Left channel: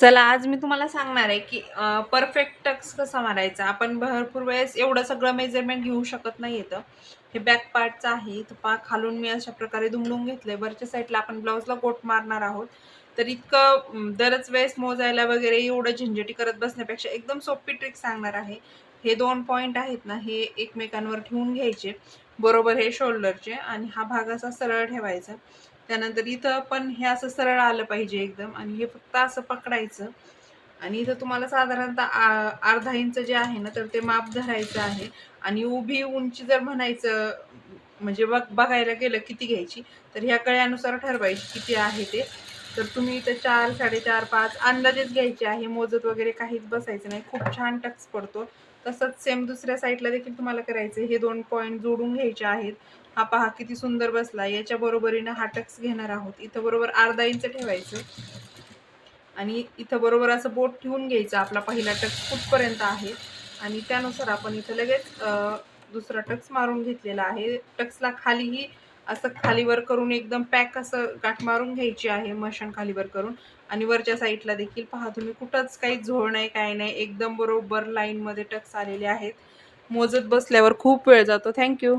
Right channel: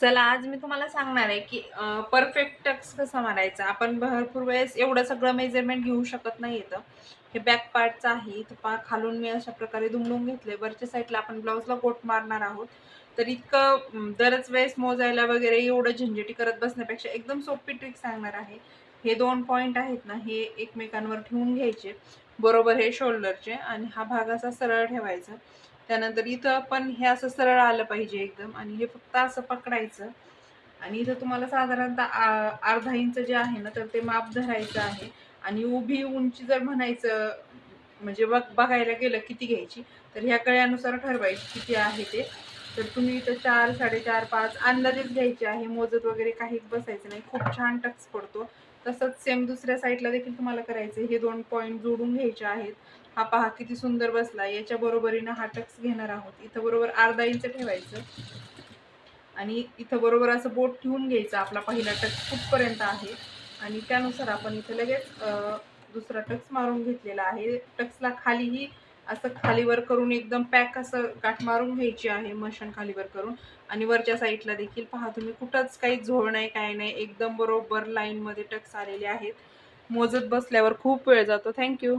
चला आज मी तुम्हाला सांगणार आहे की परफेक्ट टक्स कसा मारायचा. आपण भरपूर वेळेस एवढं सगळं मेजरमेंट घेऊ शकत नाही येतं. हे बॅक पार्टचं आहे. इथं पहा खालून मी अशा प्रकारे दुमडून घेतलंय. वरच्या साईडला आपण ब्लाउजला गोट मारणार आहोत. तर इतकं दरच वेळेस मोजायला वगैरे एवढं झंझटी करत बसण्यापेक्षा एकदम सोपी ट्रिक सांगणार आहे. हे 2 पॉइंट आहेत ना, हे एकमेकांवर ठेवून घ्यायचे. बरोबर हे शोल्डरचे आणि हा भाग असा सरळ ठेवायचा. त्यानंतर इथं पण हे असं सरळ आलं पाहिजे एकदम आणि हे फक्त असं पकडायचं आणि इथं तुम्हाला साधारणतः अर्धा इंच जे आहे ना, तर ते माप धरायचं आहे आणि उभी उंची जर म्हणायचं म्हणजे बघायला गेलं किती घ्यायची, तर ह्या कळ्यानुसार ठरवायची किती आहे ते. तर तुम्ही इथं 4, 4.5, 5 अंदाजेच घ्यायचे आहे. मोजत वगैरे काहीच बसायचं नाही. खूप छान टक्स पडतो. तसंच सेम दुसऱ्या साईडला देखील तुम्हाला करायचं. हे 2 पॉइंट जोडून घ्यायचे आहेत. हा पहा किती सुंदर बसला. याच्या बरोबरीनं हा टक्स घेणार आहोत. इथं बरोबर अर्धा इंच ठेवायचं आणि इथं बरोबर असं बोट ठेवून घ्यायचं. आपला पहिला टक्स कुठपर्यंत आहे आणि त्यानुसार आपण इथं लगेच दुसरा टक्स मारून घेतलेला आहे. टक्सला खालीही असं खालीवर करून एकदम पॅक असं गाठ मारून घ्यायची आहे, मशीन खालीवर करून. आणि वरच्या साईडला देखील पहा तुम्ही, कुठंच काही झोळ नाही, काय नाही. एकदम बरोबर लाईनमध्ये टक्स आलेले आहेत. मोजत बसल्यावर खूप वेळ जातो. Thank you.